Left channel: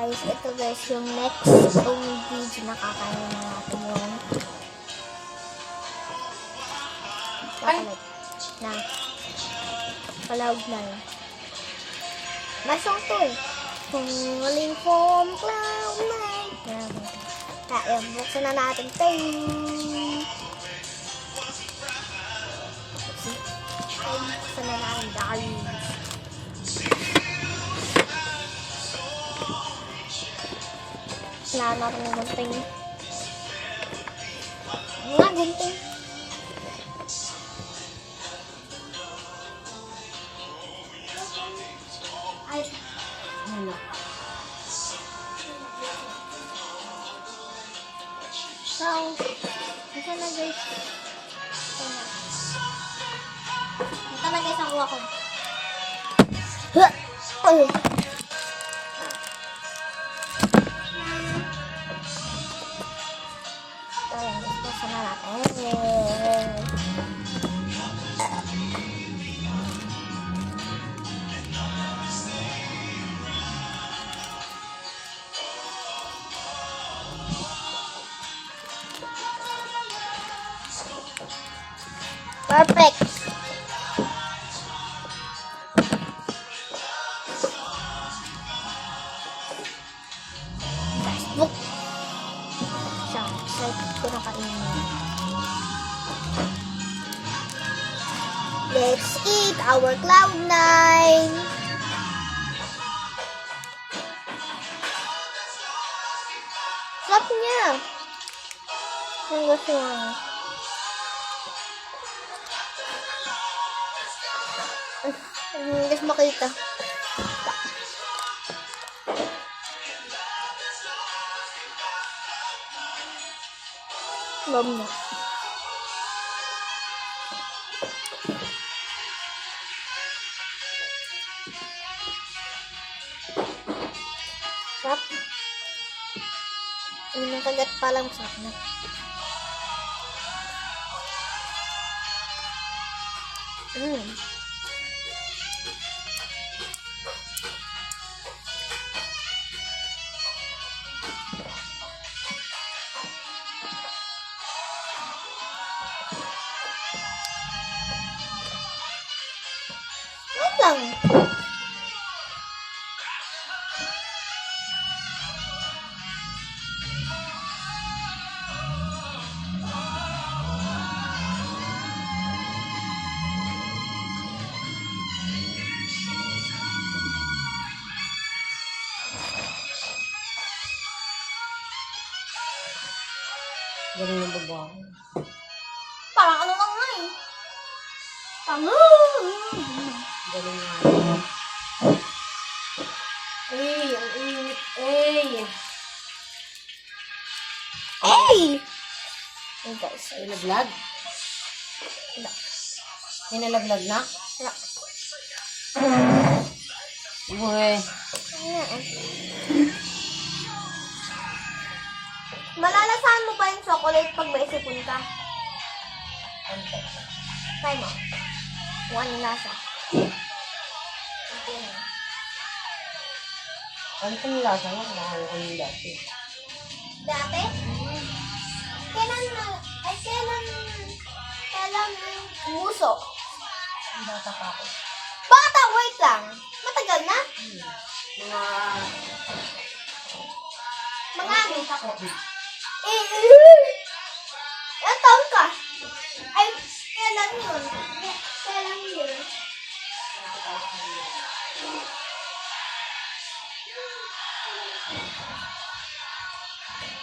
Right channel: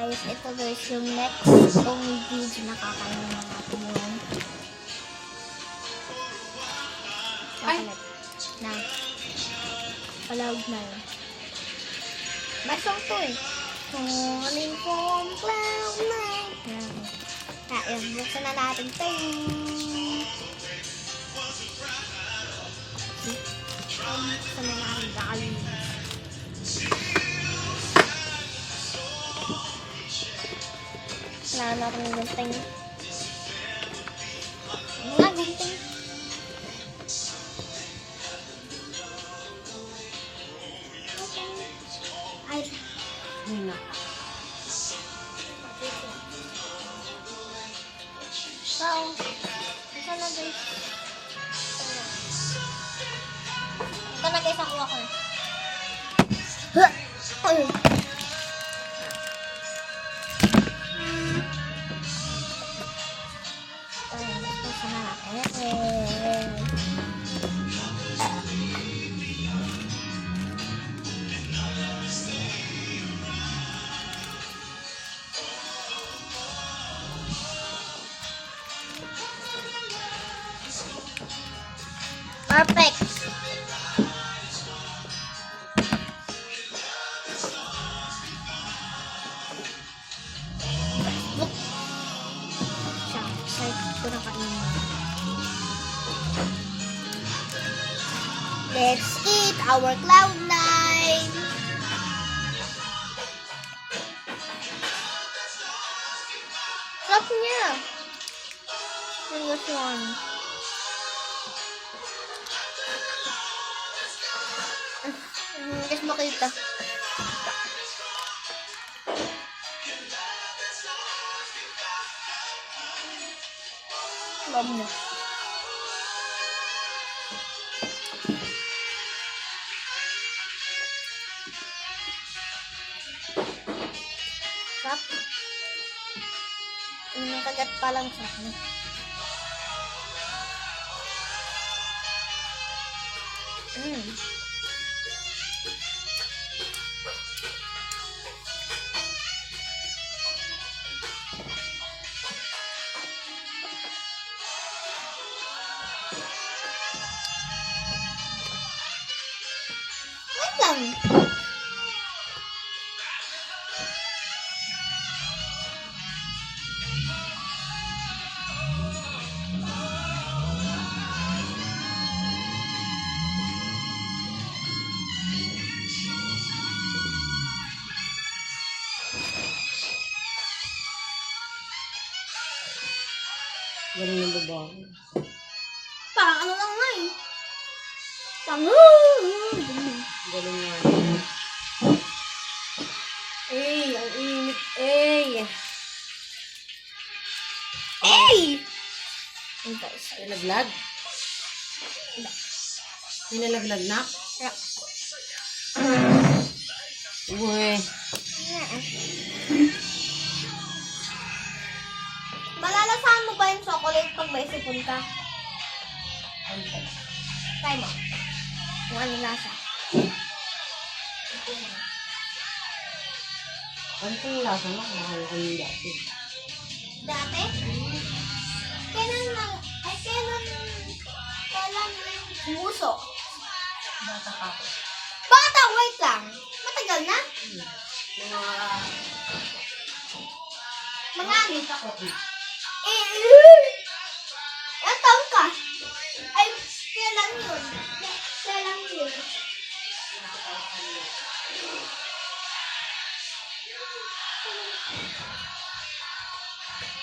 guys, ito guys yung next tong video na kakainin na natin yung chocolate na Cloud9. May song to eh. Falling from Cloud9. Kaya buksan na natin ito. Buksan na natin guys. Wala natin yung gunting. Nga, gunting. Ay. Ano? Ay. Ito na guys. Ito na guys, nakuha ko. Ay. Buksan na natin. Perfect. Look. Excited ko na kainin. Let's eat our Cloud9. Sarap niya. Ang gusto lang. Guys, makita. Lom na. Sarap. Yung kagat pa lang sarap na. Wait lang. Galing yung babae. Parang ano lang nga eh. Galing nga. Ang init. Hey! Hey guys. Ay, naglag? Wala. May nalaglag na? Wala. Uy. Malalasahan mo pa yung chocolate pag may sipon ka. Try mo. Kung ano lasa. Ano itong lasa mo? Nakaya ko yung dati. Dati? Kailan mo yung muso? Ang bata pa ako. Bata, wait lang. Matagal na? Mga ano? Ako. Ilang taon ka? Ay, kailan yun? Kailan yun?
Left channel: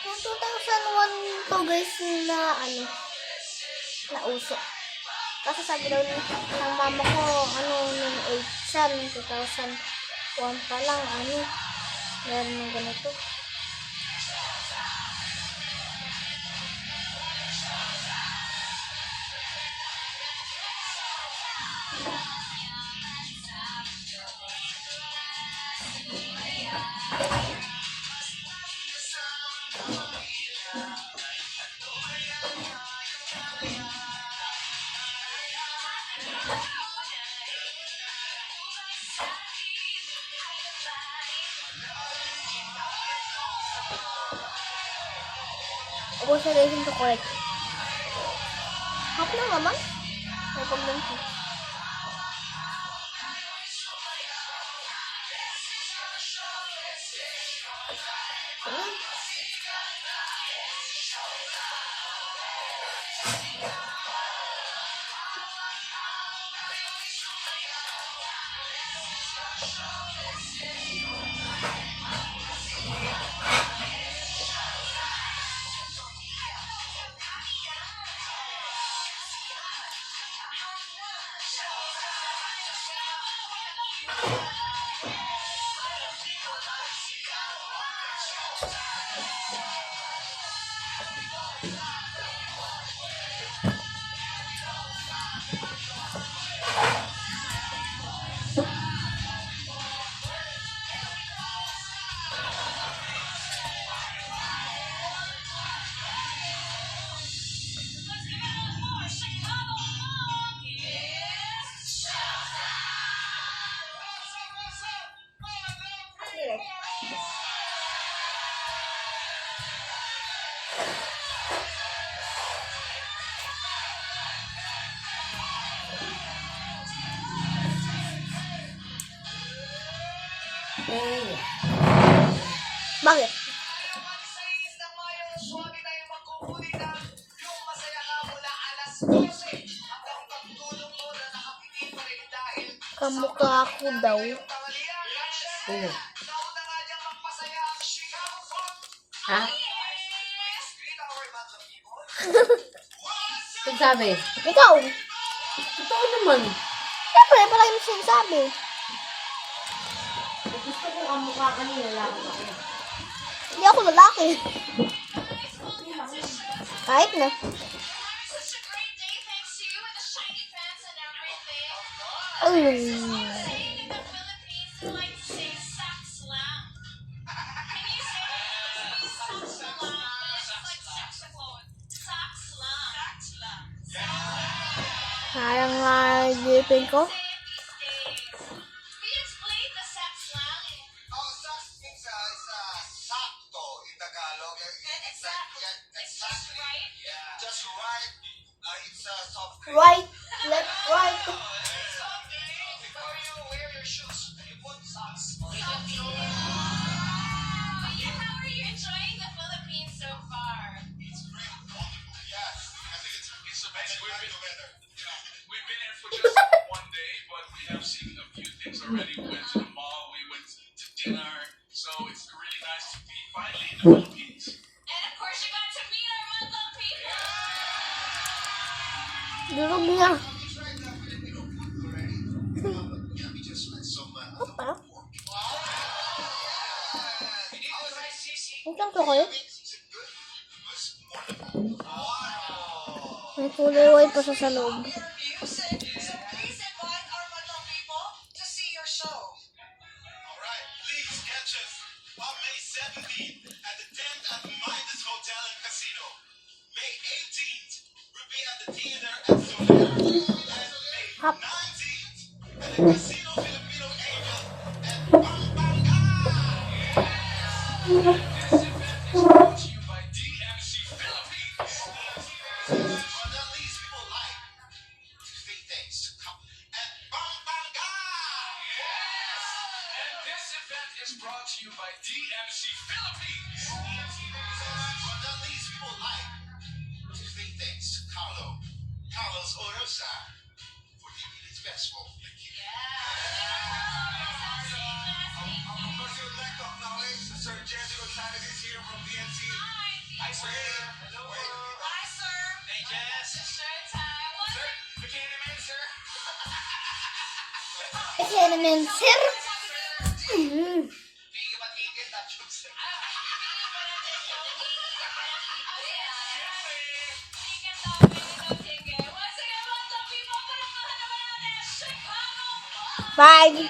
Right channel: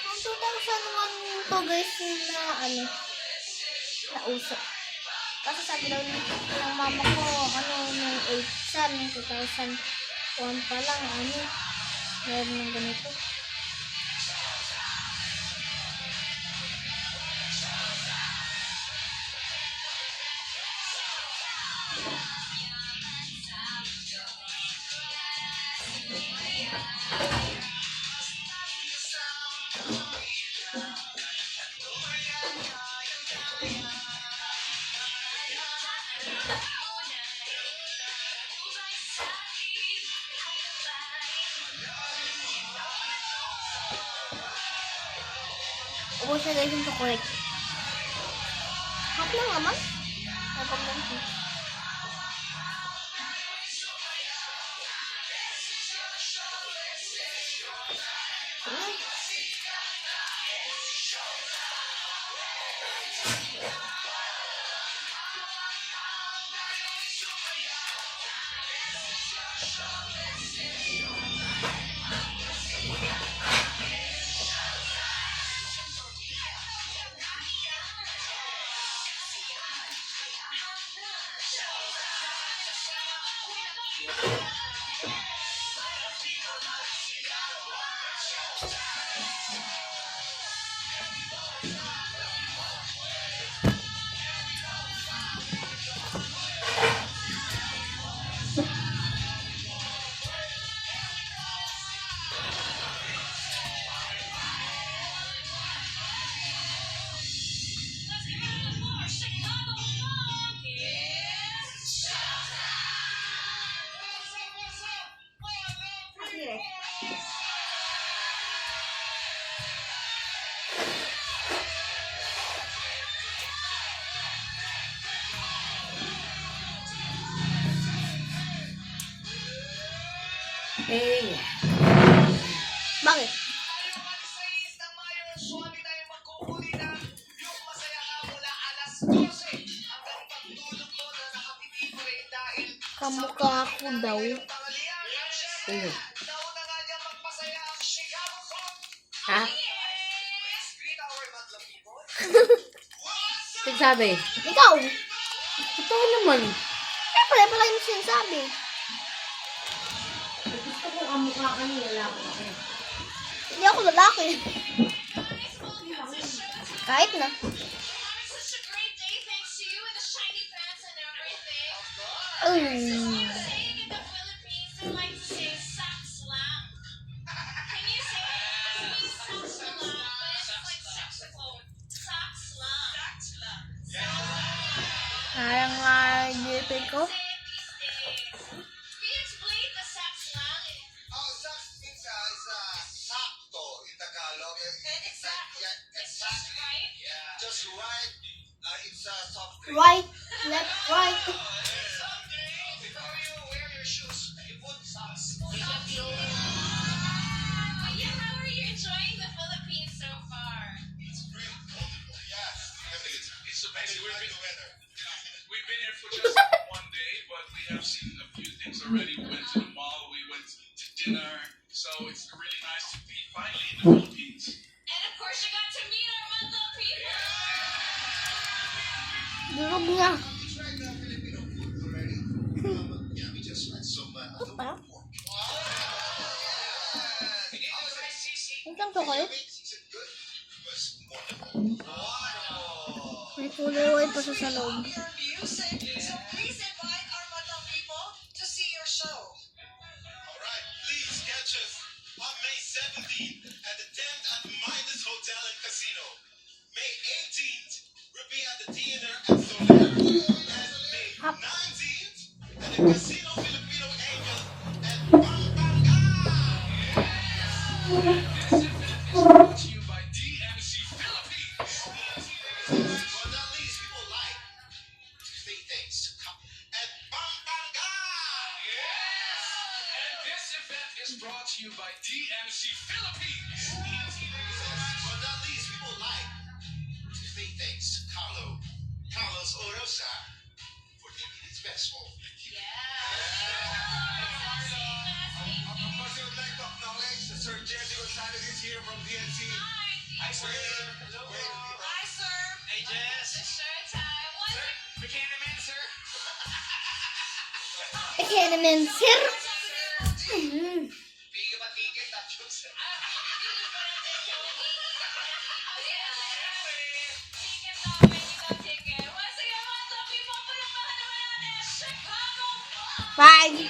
Noong 2001 to guys na ano, na uso. Kasi sabi daw ng mama ko, nung 8 siya, nung 2001 pa lang, meron ng ganito. Ubus na guys yung chocolate. Half lang naman. May problem siya. Eh, Bakit? Kamukha ako daw. sino? Ha? Nagsabi? Ikaw! Ikaw naman. Siyempre, pala yung sinasabi. Gusto kong ang mukha ka niya, lalaki ako. Hindi ako lalaki. Kahit na. Sayang nga gipin ko. Oh, sax means sakto in Tagalog. It's like, yeah, exactly. Yeah. Just right. It's soft drink. Right, left, right. Before you wear your shoes, you put socks. It's really wonderful. Yes. It's amazing. We've been here for just one day, but we have seen a few things already. We went to the mall, we went to dinner, so it's really nice to be finally in the Philippines. Durog niya. Tried the Filipino food already. Yeah, we just like some Apa? pork. Isang chocolate. Is it good? It was wonderful. May kulay white pa sa loob. Alright, please catch us on May 17th at the 10th at Midas Hotel and Casino. May 18th, we'll be at the theater at Soler. And May Hap. 19th, at the Casino Filipino Angel at Pampanga. Brought to you by DMC Philippines. But at least people like three things. At Pampanga. And this event is brought to you by DMC Philippines. But at least people like three things. Carlos Orosa for taking his best home. Professor-elect of knowledge, Sir Jesse Gonzalez is here from DNC. Hi, sir. Hello. Hey, Jess. Sir, bigyan naman, sir. Kasi naman, sir. Bigyan ka ba ticket? Not juice. Bye.